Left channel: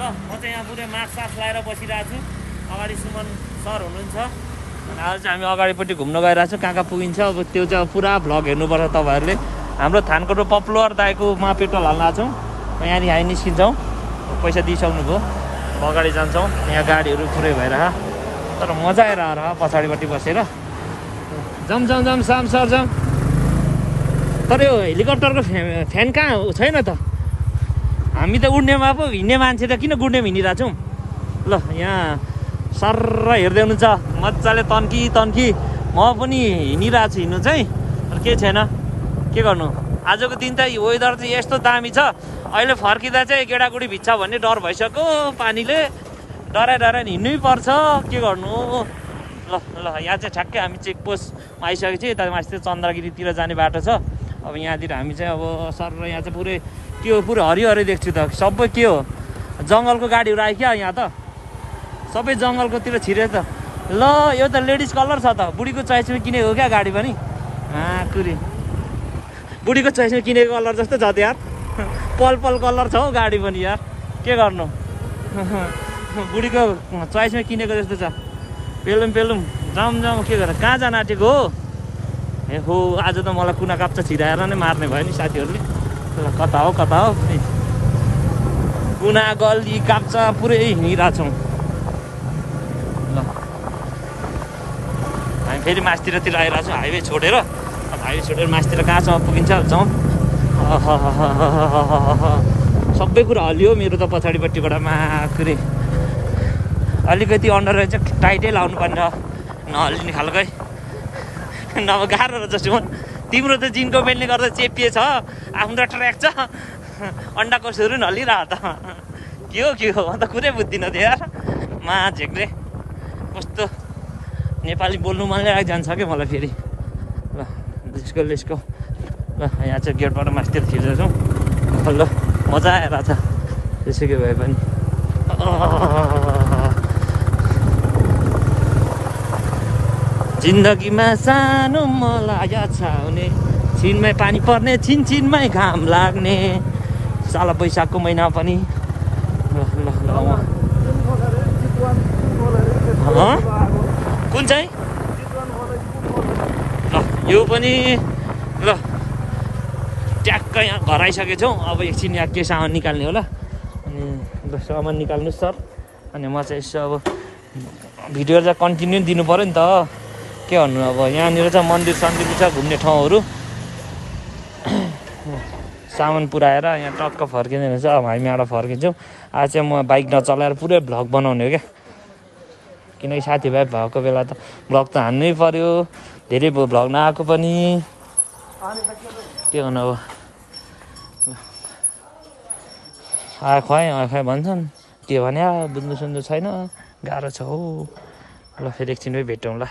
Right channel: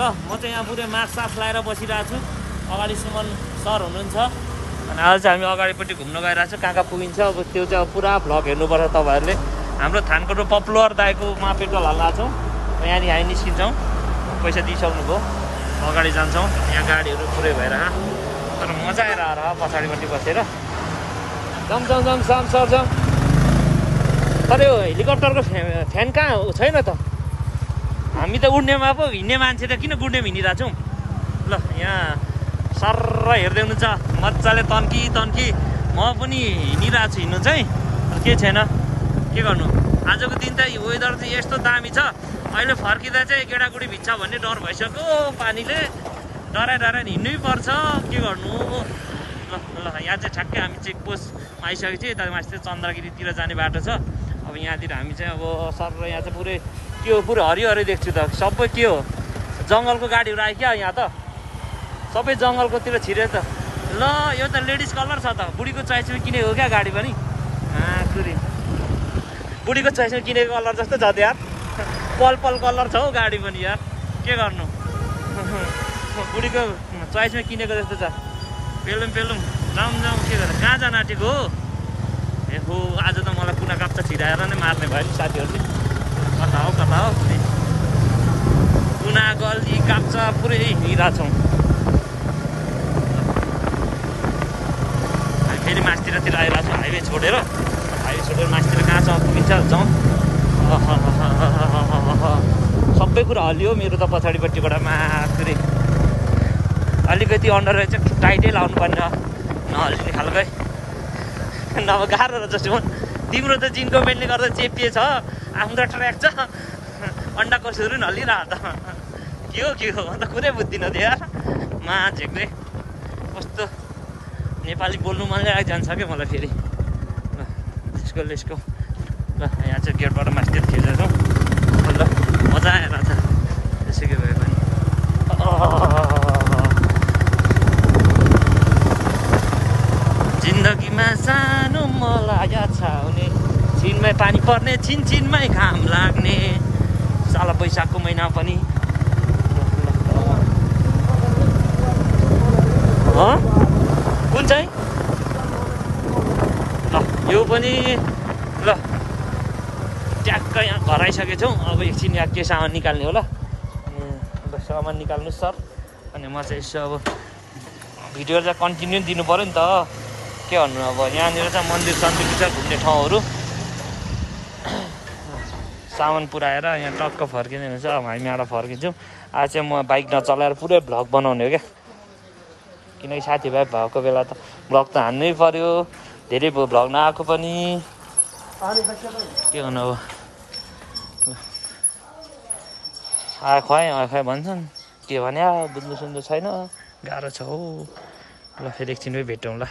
ल म चाहिँ यहाँ पुरै मास्क सास लगाएर बसिरहेको छु। अगाडि सुमन सर हुनुहुन्छ अनि आज चाहिँ हामी अगाडिपट्टि घुम्न गइरहेको छौँ। कहाँ कहाँ पुगिन्छ अब त्यो चाहिँ पुरा भ्लग हेर्नुपर्छ तपाईँहरूले। हाम्रो थानकोटको पपुलर दाइको म पेट्रोल हाल्न छौँ। यहाँनिर हामी निस्किन्छौँ। पैसा दिइसक्नुभयो। अब अगाडि जान्छौँ। यहाँ गाडीहरू पुरै भएर तर मजा आइरहेको पछाडिपट्टि बसेर जाउँ जाउँ जाउँ साम सर जाउँ। तर यो हेलिकप्टरको फ्यान कहाँ हो छैन त। हामी त उड्नेमा पो हिँड्ने मान्छे त किन गुड्नेमा हिँडिरहेको छौँ। ल यहाँ सर हेर्दै हुनुहुन्छ मजाले तन्की तन्की। म पनि हिँडिरहेको छु हिँड्नु चाहिँ तर केही छैन के गर्नु। आजको दिन त वेदर चाहिँ यस्तो दामी छ। अहिले फर्किँदा चाहिँ गेडागुडी भिज्छ भन्ने डर भइसक्यो पानीले। डराइ हिँड्नै पर्छ के गर्नु। ल ल यहाँ चाहिँ ठ्याक्कै हामी चेकपोस्ट आइसकेको छ। यता माथि चन्द्रगिरीतिर जाने बाटो छ। अब यहाँतिर हामी चाहिँ अब सर यहाँ चाहिँ पुरै के हो पुरै हरियो हरियो देख्छु त। सबै के हो जङ्गलको गाडीहरू आयो क्या यहाँ त। सबै जङ्गलकोतिर छिरे त। ल यो त लेडिज कलर छ त। बुढीको चोइसमा किनेको क्या गाडी पनि। कुरी बुढीको चोइसमा किनेको कलर जस्तो छ त यार। पल पल कलर छ हौ गाडी पनि यार के गर्नु। बुढीको चोइसमा किनेको जस्तो छ। पेलुम जाउँ जाउँ के गरेर कहाँ जान आँटेको हो। ए हो आज त मलाई कुना काप्चा छिराएर नै मार्ने भयो नि साथीहरूले। कता हो कुना गल्ली काप्चा पुरै हिँडिरहेको छु। हामी फेरि मासतिरतिर आइरहेको छु। हाइवे छोडेर मासतिर कहाँ छ पुगिन्छ जाउँ। सबै कुरा हल्लियो मेरो त पछाडिपट्टिबाट मात्रै। अलिकति अन्डर चाहिँ टाइटै लाउनु पर्ने नहल्लिने खालकै नभए गाह्रो र जस्तो तिम्रो त जिनको बेल्टले गर्दा चेपिएछ। आफ्नो ट्र्याक छ अन्डाको सुरु नहल्लिरह त के हो अन्त कुरै बुझ्दिनँ थियो यार। झेक्दै कस्तो नेपाली बोल्नु मन जान्छ क्या मलाई फेरि। ल लेसको ल यहाँ चाहिँ गेटबाट मास्तिर खिचेर जाउँ। ल मजा आएर छ त्यसैले भए पनि। जिन्दगीमा सानो लागेको छ भने छिनमै पानी पर्ने छिनमै घाम लाग्ने साला बैशाखको महिना पनि। कुन चाहिँ यो पनि ल ट्याक्कै यहाँ घर आइसकेको छौँ। अब एकछिन यहाँ के सामान निकाल्ने होला। सामान निकाल्नु सर। अनि म चाहिँ यसो अब भिडियो चाहिँ कन्टिन्यू दिनु पऱ्यो नि त के भन्नु। अब यहाँनिर चाहिँ मन्दिर सन्दिर छ घुम्ने ठाउँहरू। सामान पुऱ्याएर यहाँ टक्क फर्किने रहेछ। अब हामी यहाँबाट फर्किन्छौँ। आज चाहिँ म बाइक नचलाएर पुरै भ्लग बनाउने हो क्या। किनकि साथीभाइ भएको बेला त भ्लग त हान्नै पऱ्यो। धेरै भयो भ्लग नआएको पनि के भन्नु। अब खुवाइ भन्छन् के भने बुझ्नु सुन्नु छैन गाह्रो छ हो। ल फेरि एकछिनमै भेटौँ ल।